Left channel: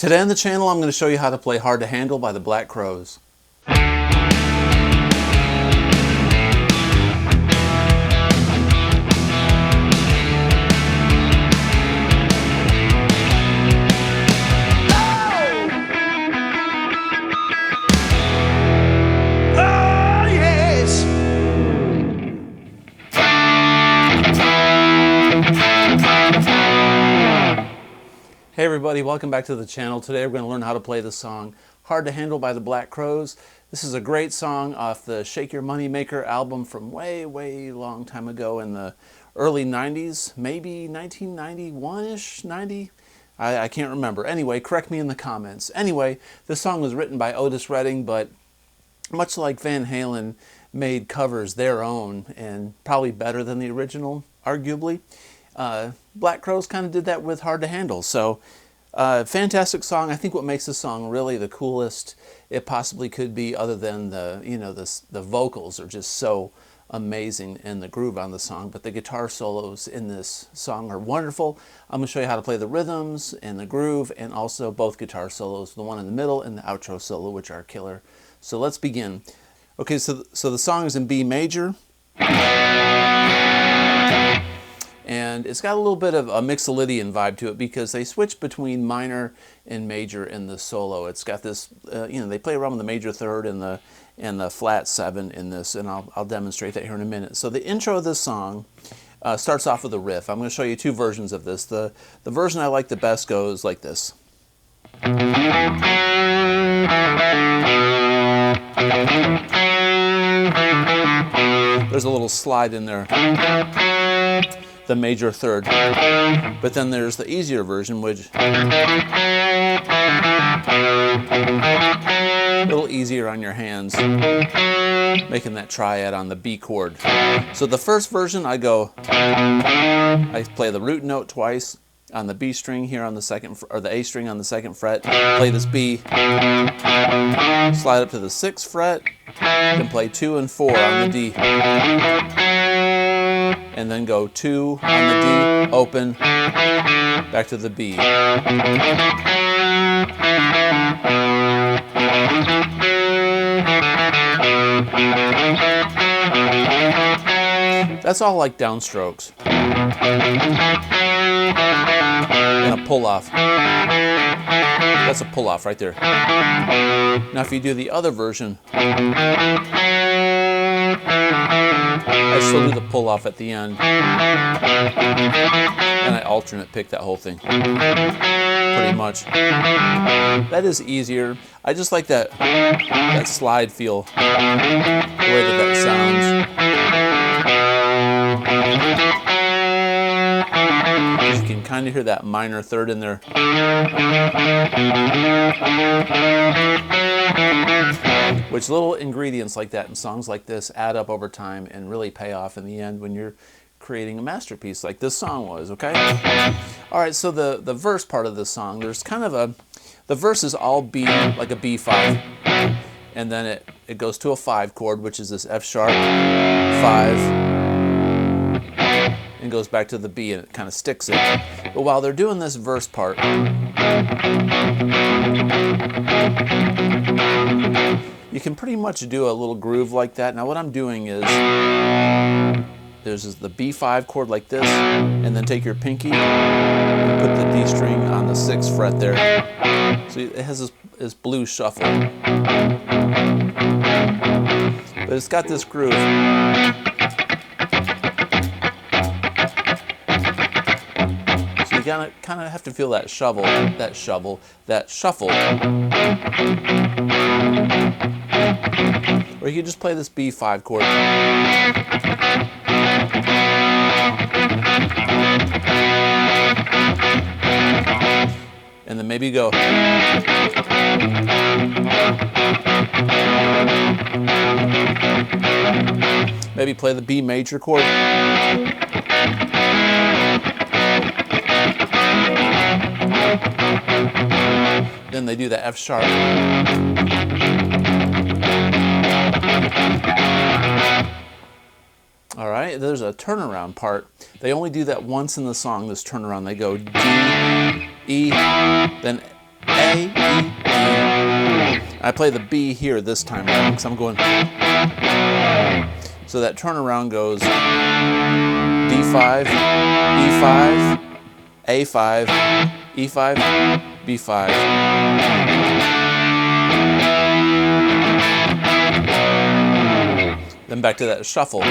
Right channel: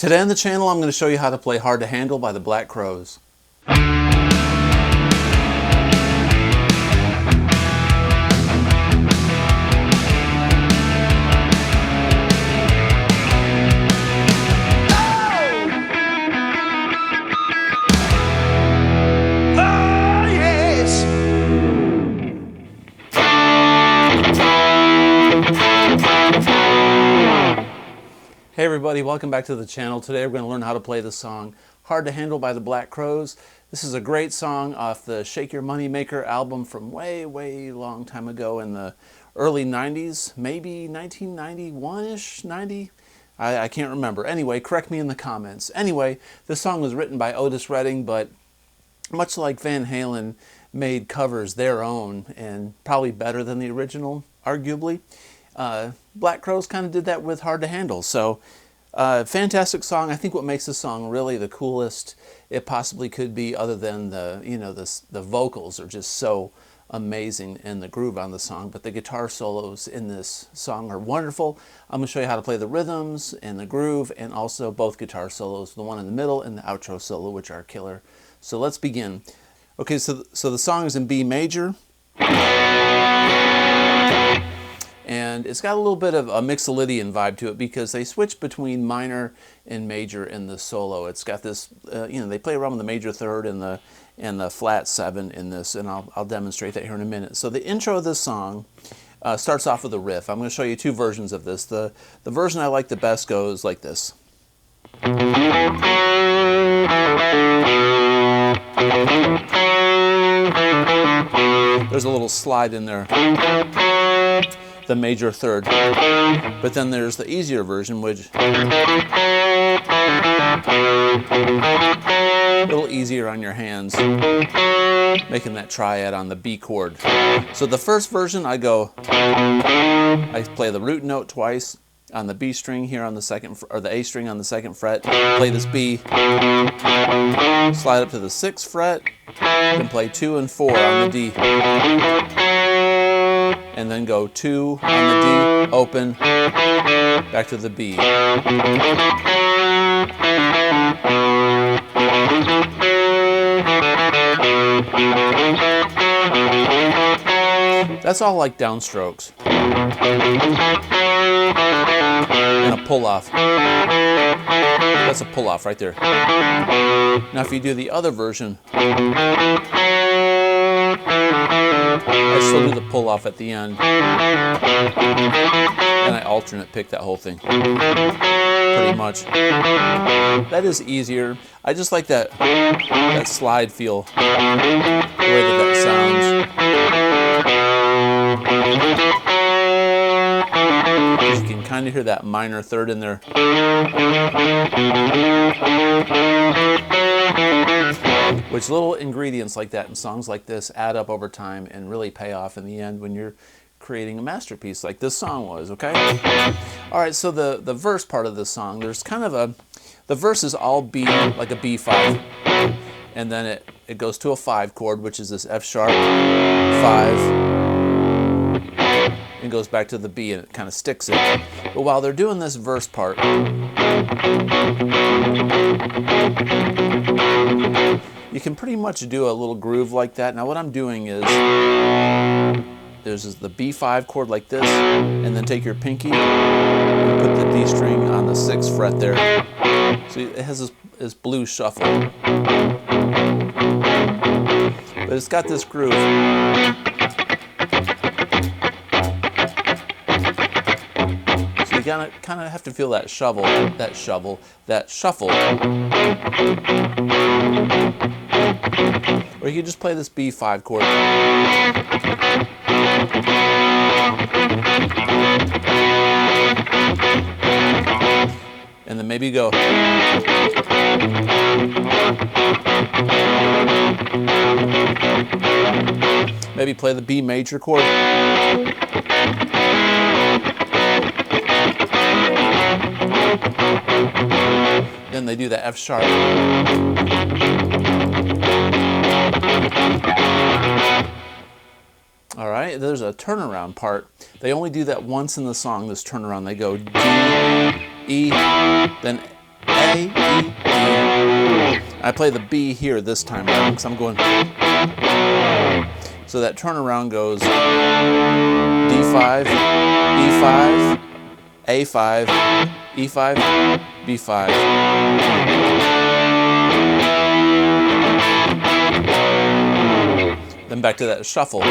Today on the channel, I'm going to show you how to play Hard to Handle by the Black Crowes. Hey everybody, welcome back to the channel. Today we're going to learn how to play the song Hard to Handle by the Black Crowes. This is a great song off the Shake Your Money Maker album from way long time ago in the early 90s, maybe 1991-ish, 90? I can't remember. Anyway, correct me in the comments. Anyway, this song was written by Otis Redding, but much like Van Halen made covers their own and probably better than the original, arguably. Black Crowes kind of did that with Hard to Handle. So fantastic song. I think what makes this song really the coolest it possibly could be, other than the vocals are just so amazing and the groove on the song, but the guitar solos in this song are wonderful. I'm going to show you how to play the rhythms and the groove, and also both guitar solos, the one in the middle and the outro solo, which are killer. So let's begin. Okay, so the song is in B major. And it's got a little bit of a Mixolydian vibe to it because they switch between minor and major in the solo. It's got this, they play around with the major third and the flat seven in this, and I'll demonstrate that here in a minute. So the intro of this song starts off with a riff. I'm going to show you two versions of this. The version I like the best goes like this. There's a little slide in there, the major third, but then there's the easier version, which a little easier on your hands, making that triad on the B chord. So the first version, I play the root note twice on the B string here on the second, or the A string on the second fret, play this B, slide up to the 6th fret, then play 2 and 4 on the D, and then go 2 on the D, open, back to the B. That's all like downstrokes and a pull-off. That's a pull-off right there. Now if you do the other version, I still do the pull-off at the end, and I alternate pick that whole thing, pretty much. That is easier. I just like that slide feel, the way that sounds. You can kind of hear that minor third in there. Which little ingredients like that in songs like this add up over time and really pay off in the end when you're creating a masterpiece like this song was, okay? Alright, so the verse part of this song, there's kind of the verse is all B, like a B5, and then it goes to a 5 chord, which is this F sharp, 5, and goes back to the B, and it kind of sticks it. But while they're doing this verse part, you can pretty much do a little groove like that. Now what I'm doing is, there's the B5 chord like this, and then take your pinky and put the D string on the 6th fret there. So it has this blues shuffle. But it's got this groove. So you kind of have to feel that shuffle. Or you can just play this B5 chord. And then maybe go. Maybe play the B major chord. Then they do the F sharp. All right, there's a turnaround part. They only do that once in the song, this turnaround. They go D, E, then A, E, B. I play the B here this time around because I'm going. So that turnaround goes D5, E5, A5, E5, B5. Then back to that shuffle.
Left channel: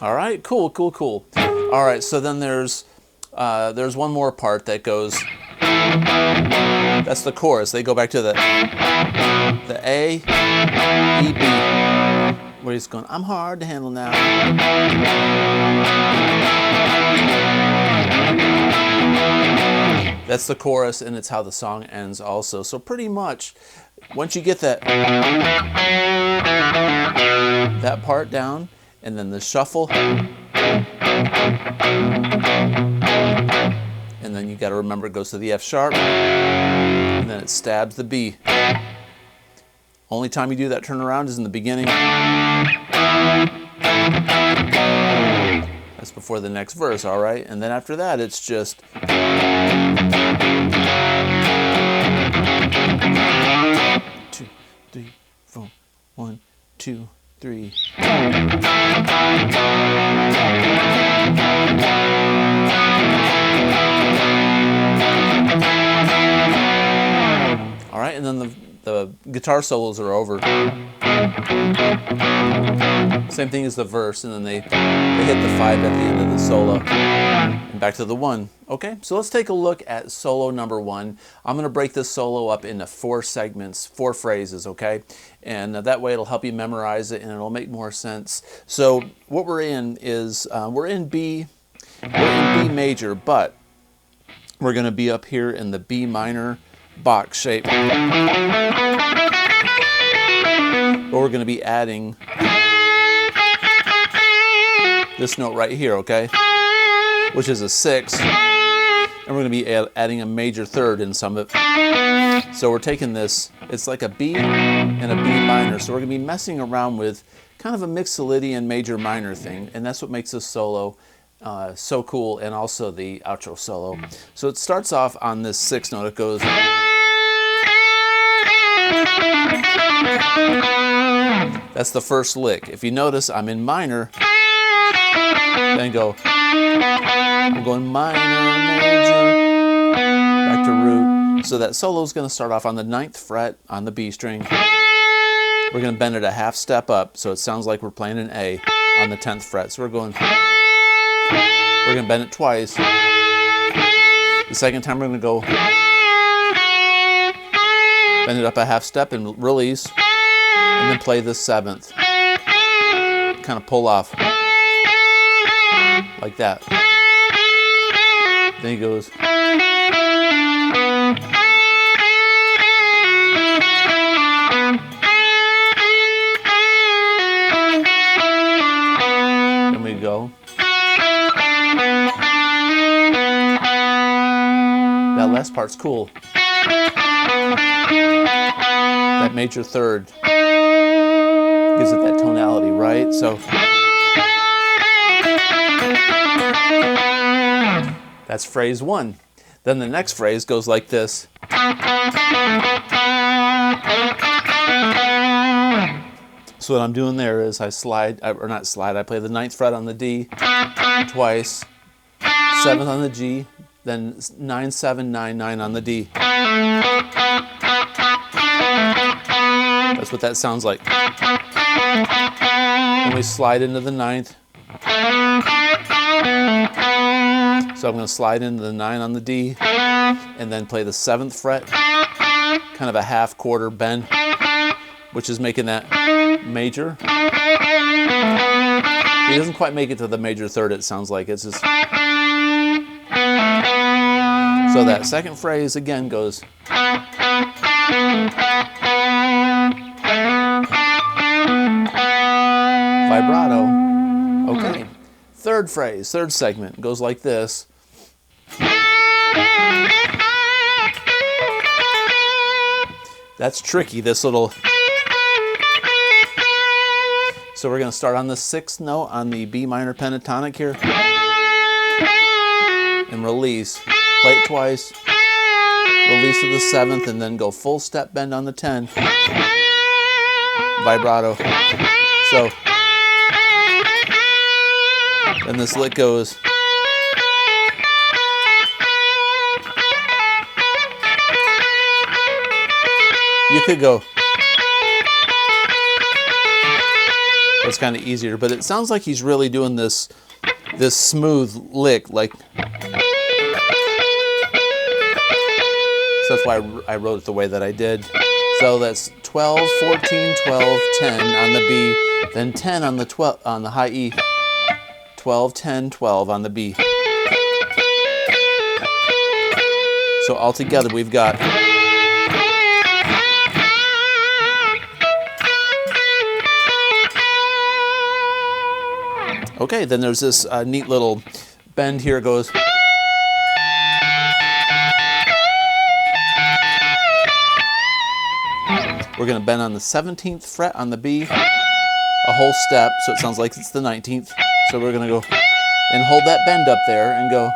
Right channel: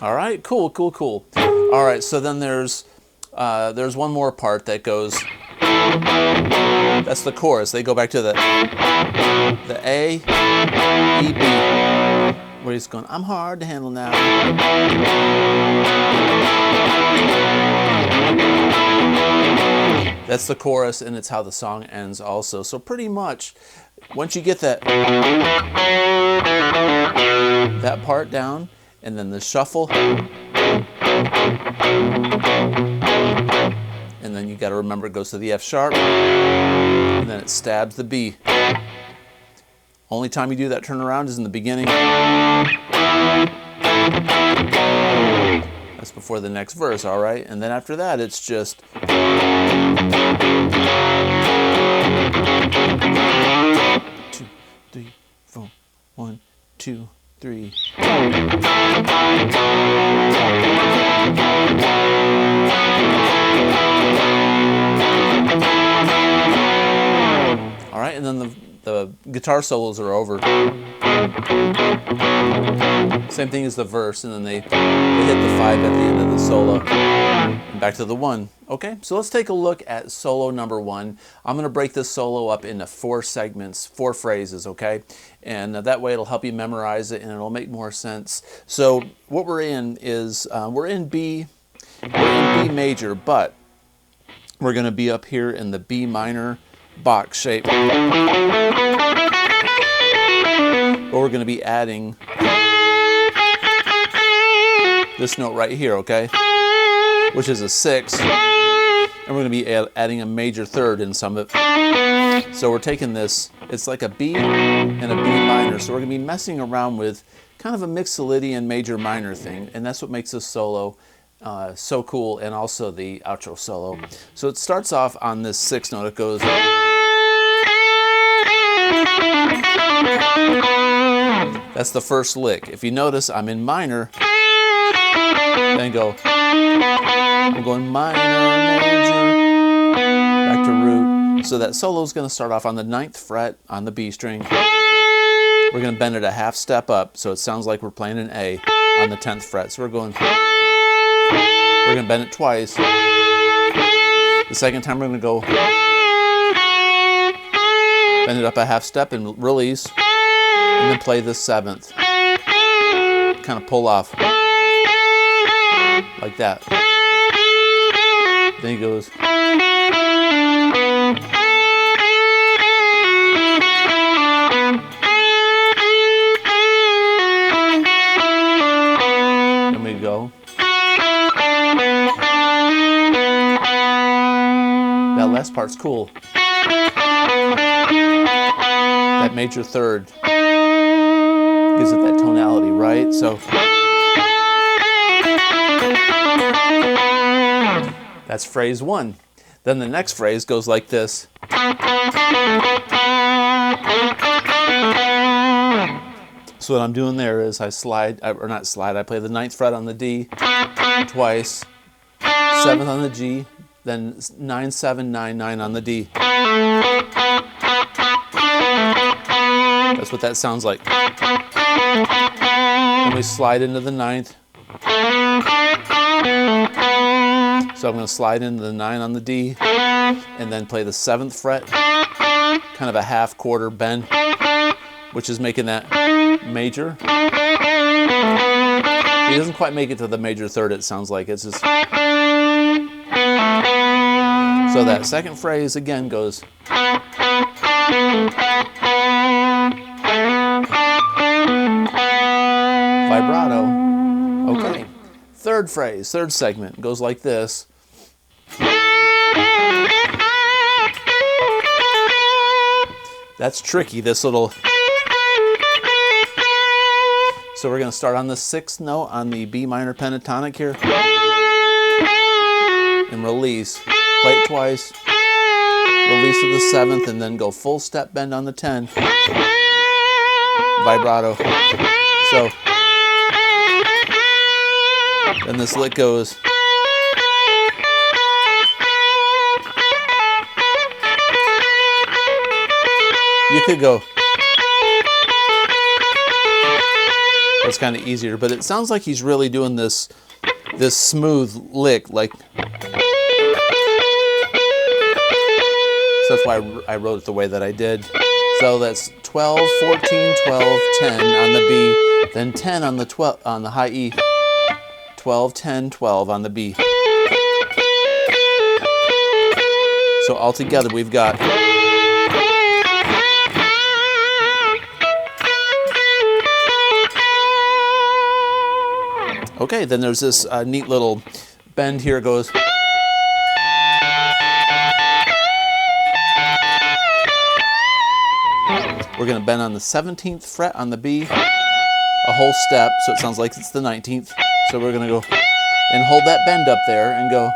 All right, cool, cool, cool. All right, so then there's one more part that goes. That's the chorus. They go back to the A, E, B, where he's going, I'm hard to handle now. That's the chorus, and it's how the song ends also. So pretty much, once you get that part down, and then the shuffle, and then you got to remember it goes to the F sharp, and then it stabs the B. Only time you do that turnaround is in the beginning. That's before the next verse, all right? And then after that, it's just. 2, 3, 4, 1, 2, 3. All right, and then the guitar solos are over. Same thing as the verse, and then they hit the 5 at the end of the solo. And back to the 1. Okay, so let's take a look at solo number 1. I'm going to break this solo up into 4 segments, 4 phrases, okay? And that way it'll help you memorize it and it'll make more sense. So what we're in is, we're in B major, but we're going to be up here in the B minor box shape. But we're going to be adding this note right here, okay? Which is a 6. And we're going to be adding a major third in some of it. So we're taking this, it's like a B and a B minor. So we're going to be messing around with kind of a Mixolydian major minor thing. And that's what makes this solo so cool, and also the outro solo. So it starts off on this 6 note. It goes. That's the first lick. If you notice, I'm in minor. Then go. I'm going minor, major, back to root. So that solo is going to start off on the 9th fret on the B string. We're going to bend it a half step up, so it sounds like we're playing an A on the 10th fret. So we're going to bend it twice. The second time we're going to go bend it up a half step and release, and then play the 7th. Kind of pull off like that. Then he goes. Then we go. That last part's cool. That major third gives it that tonality, right? So that's phrase 1. Then the next phrase goes like this. So what I'm doing there is I slide, or not slide, I play the 9th fret on the D twice, 7th on the G, then 9, 7, 9, 9 on the D. That's what that sounds like. Then we slide into the 9th. So I'm going to slide into the 9 on the D, and then play the 7th fret, kind of a half quarter bend, which is making that major. He doesn't quite make it to the major third, it sounds like. It's just. So that second phrase again goes. Vibrato. Okay. Third phrase, third segment goes like this. That's tricky, this little. So we're going to start on the 6th note on the B minor pentatonic here. And release. Play it twice. Release to the 7th and then go full step bend on the 10. Vibrato. So then this lick goes. You could go. That's kind of easier, but it sounds like he's really doing this smooth lick, like. So that's why I wrote it the way that I did. So that's 12, 14, 12, 10 on the B, then 10 on the 12 on the high E. 12, 10, 12 on the B. So altogether we've got. Okay, then there's this neat little bend here. It goes. We're going to bend on the 17th fret on the B, a whole step, so it sounds like it's the 19th. So we're going to go and hold that bend up there and go.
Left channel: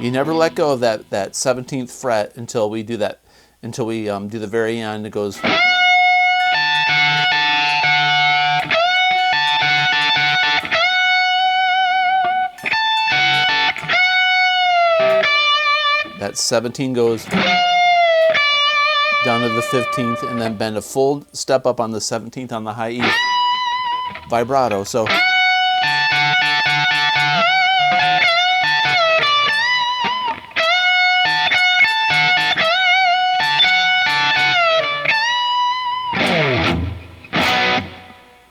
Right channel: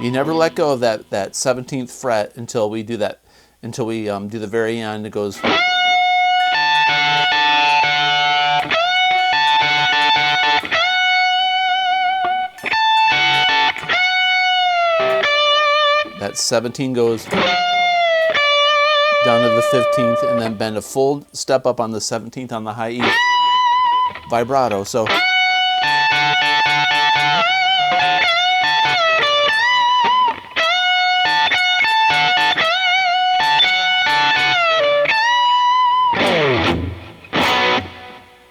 You never let go of that 17th fret until we do that, until we do the very end. It goes. That 17 goes down to the 15th and then bend a full step up on the 17th on the high E. Vibrato. So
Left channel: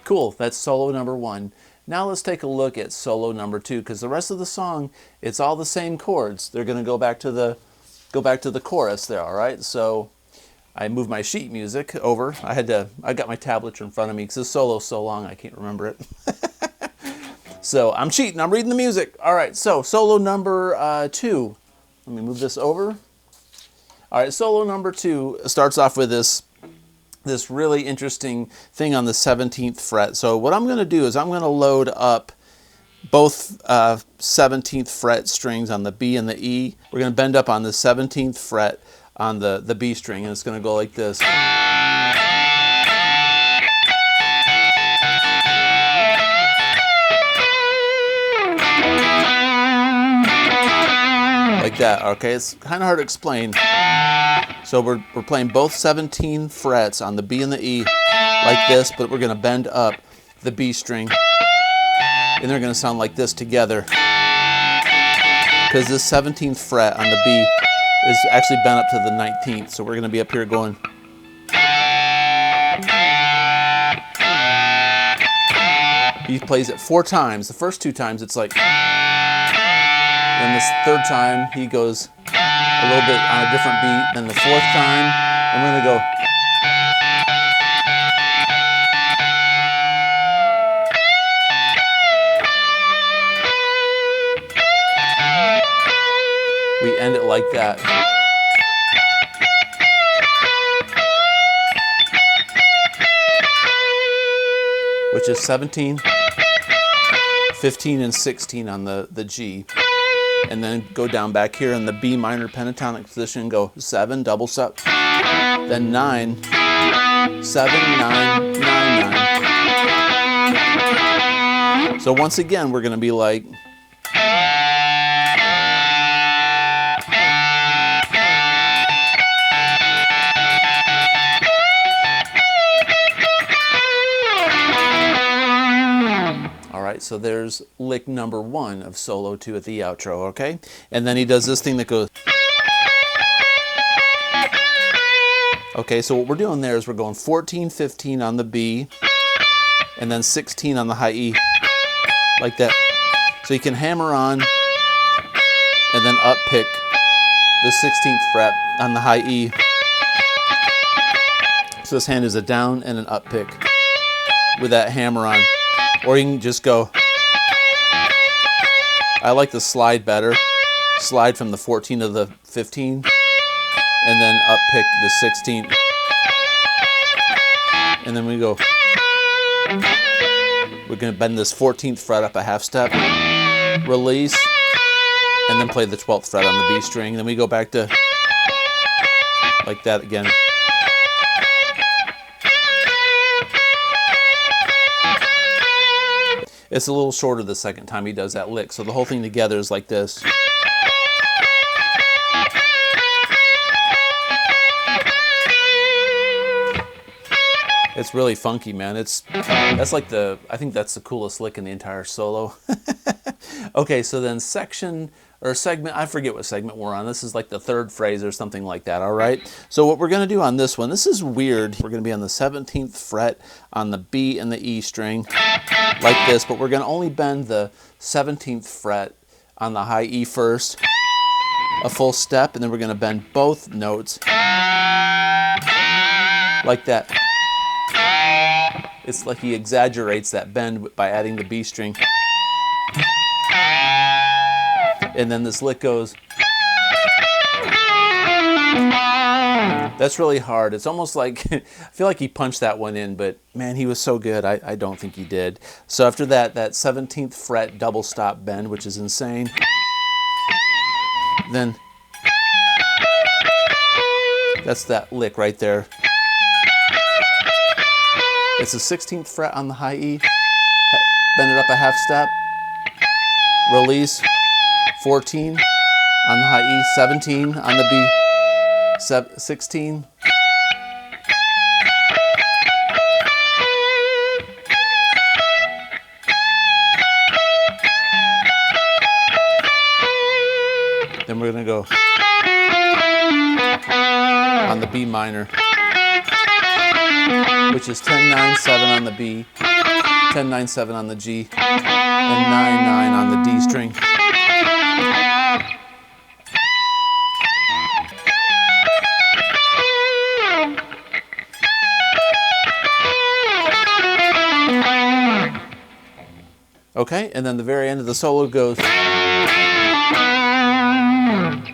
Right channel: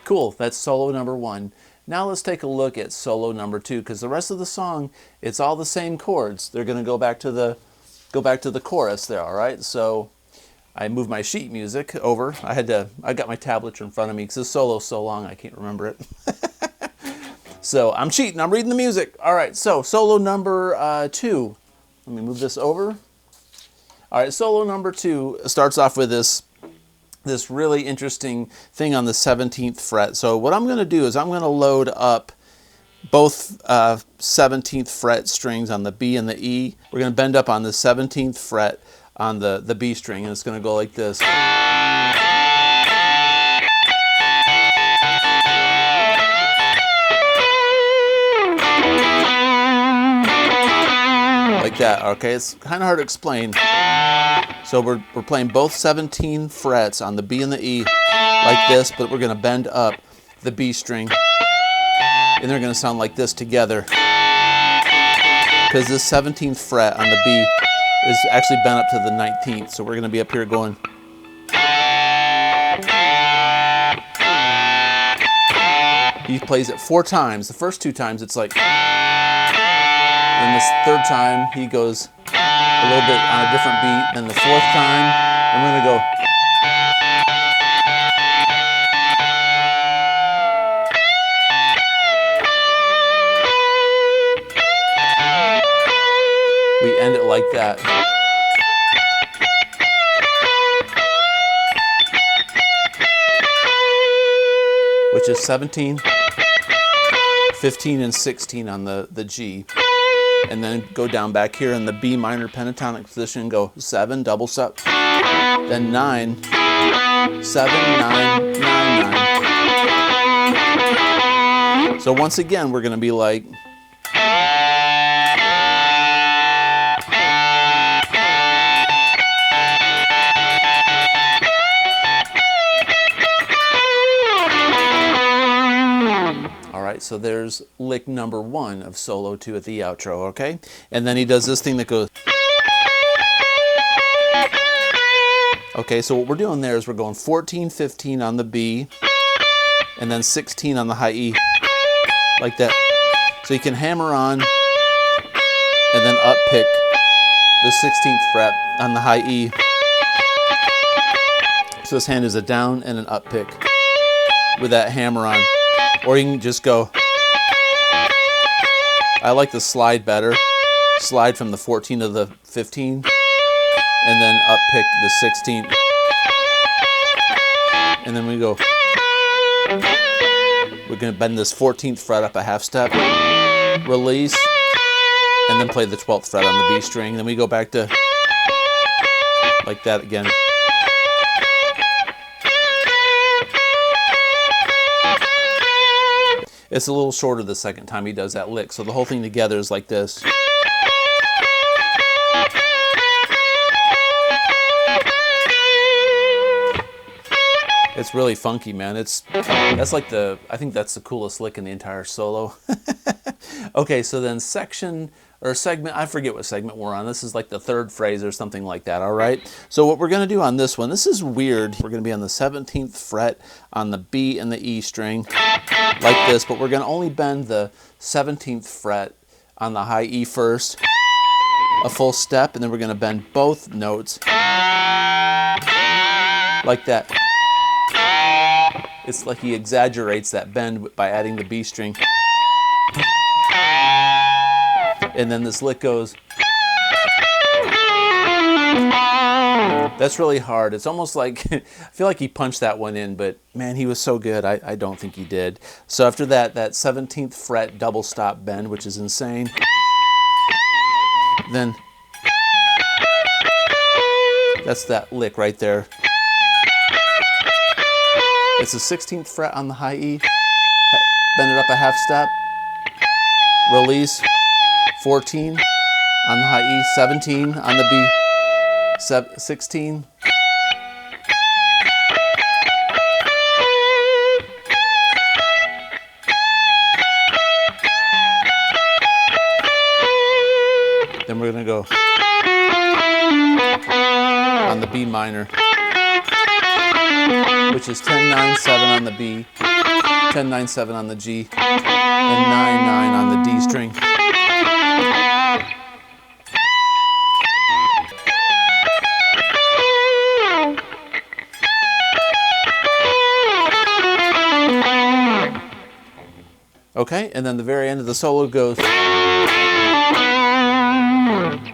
cool, that's solo number 1. Now let's take a look at solo number 2, because the rest of the song, it's all the same chords. They're going to go back to the chorus there, all right? So I moved my sheet music over. I got my tablature in front of me because this solo's so long I can't remember it. So I'm cheating, I'm reading the music. All right, so solo number 2. Let me move this over. All right, solo number 2 starts off with this really interesting thing on the 17th fret. So what I'm going to do is I'm going to load up both 17th fret strings on the B and the E. We're going to bend up on the 17th fret on the B string, and it's going to go like this. Like that, okay? It's kind of hard to explain. So we're playing both 17 frets on the B and the E like this, but we're going to bend up the B string, and they're going to sound like this together, because this 17th fret on the B is actually bent up to the 19th. So we're going to be up here going. He plays it 4 times. The first 2 times it's like, and this 3rd time he goes a little bit on a different beat. Then the 4th time, and we're going to go. We end it like that. Which is 17, 15, and 16 on the G. And then go down back here in the B minor pentatonic position, go 7, double step, then 9, 7, 9, 9, 9. So once again, we're going to be like. Alright, so there's lick number 1 of solo 2 at the outro, okay? And then he does this thing that goes. Okay, so what we're doing there is we're going 14, 15 on the B, and then 16 on the high E, like that. So you can hammer on, and then up pick the 16th fret on the high E. So this hand is a down and an up pick with that hammer on. Or you can just go. I like the slide better. Slide from the 14 to the 15, and then up pick the 16. And then we go, we're going to bend this 14th fret up a half step, release, and then play the 12th fret on the B string. Then we go back to like that again. It's a little shorter the second time he does that lick, so the whole thing together is like this. It's really funky, man. That's like I think that's the coolest lick in the entire solo. Okay, so then section or segment, I forget what segment we're on. This is like the third phrase or something like that, all right? So what we're gonna do on this one, this is weird. We're gonna be on the 17th fret on the B and the E string, like this, but we're gonna only bend the 17th fret on the high E first, a full step, and then we're gonna bend both notes like that. It's like he exaggerates that bend by adding the B string. And then this lick goes. That's really hard. It's almost like, I feel like he punched that one in, but man, he was so good. I don't think he did. So after that 17th fret double stop bend, which is insane. Then that's that lick right there. It's the 16th fret on the high E, bend it up a half step, release, 14 on the high E, 17 on the B, 16. Then we're gonna go on the B minor, which is 10-9-7 on the B, 10-9-7 on the G, and 9-9 on the D string. Okay, and then the very end of the solo goes.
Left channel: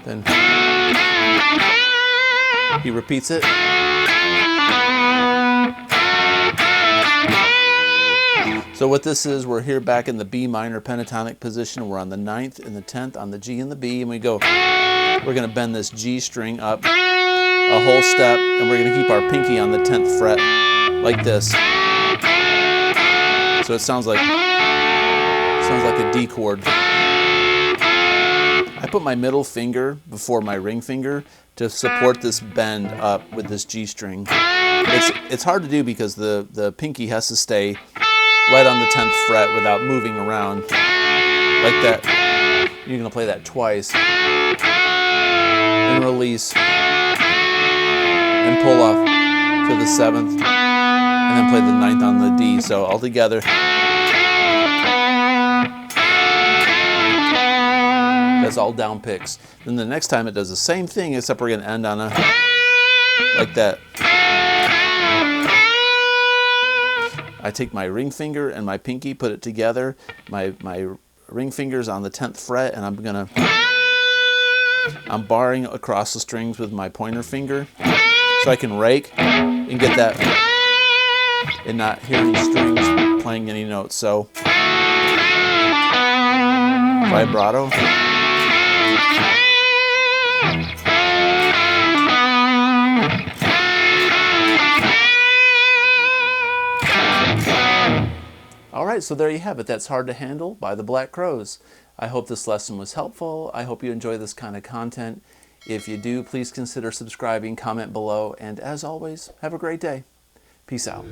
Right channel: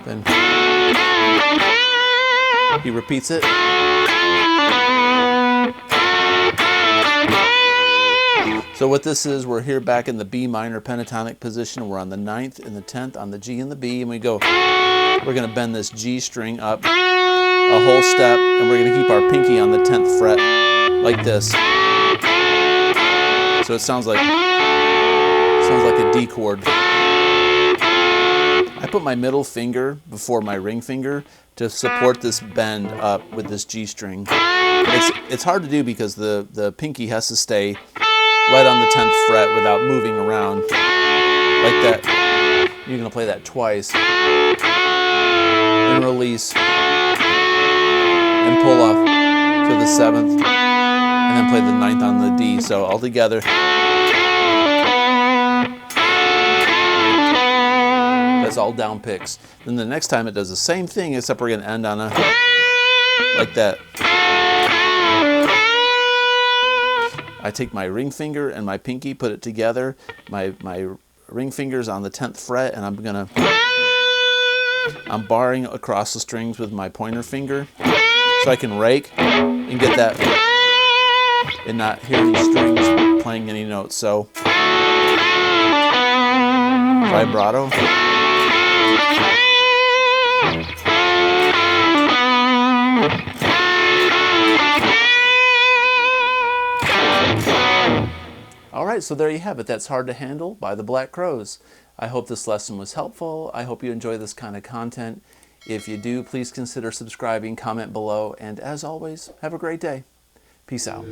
Then he repeats it. So what this is, we're here back in the B minor pentatonic position. We're on the 9th and the 10th on the G and the B, and we go. We're going to bend this G string up a whole step, and we're going to keep our pinky on the 10th fret like this. So it sounds like a D chord. I put my middle finger before my ring finger to support this bend up with this G string. It's hard to do because the pinky has to stay right on the 10th fret without moving around like that. You're going to play that twice and release and pull off to the 7th and then play the 9th on the D. So all together. That's all down picks. Then the next time it does the same thing, except we're going to end on a like that. I take my ring finger and my pinky, put it together. My ring finger's on the 10th fret, and I'm barring across the strings with my pointer finger, so I can rake and get that and not hear any strings playing any notes. So vibrato. All right, so there you have it. That's Hard to Handle by the Black Crowes. I hope this lesson was helpful. I hope you enjoy this kind of content. If you do, please consider subscribing, comment below, and as always, have a great day. Peace out.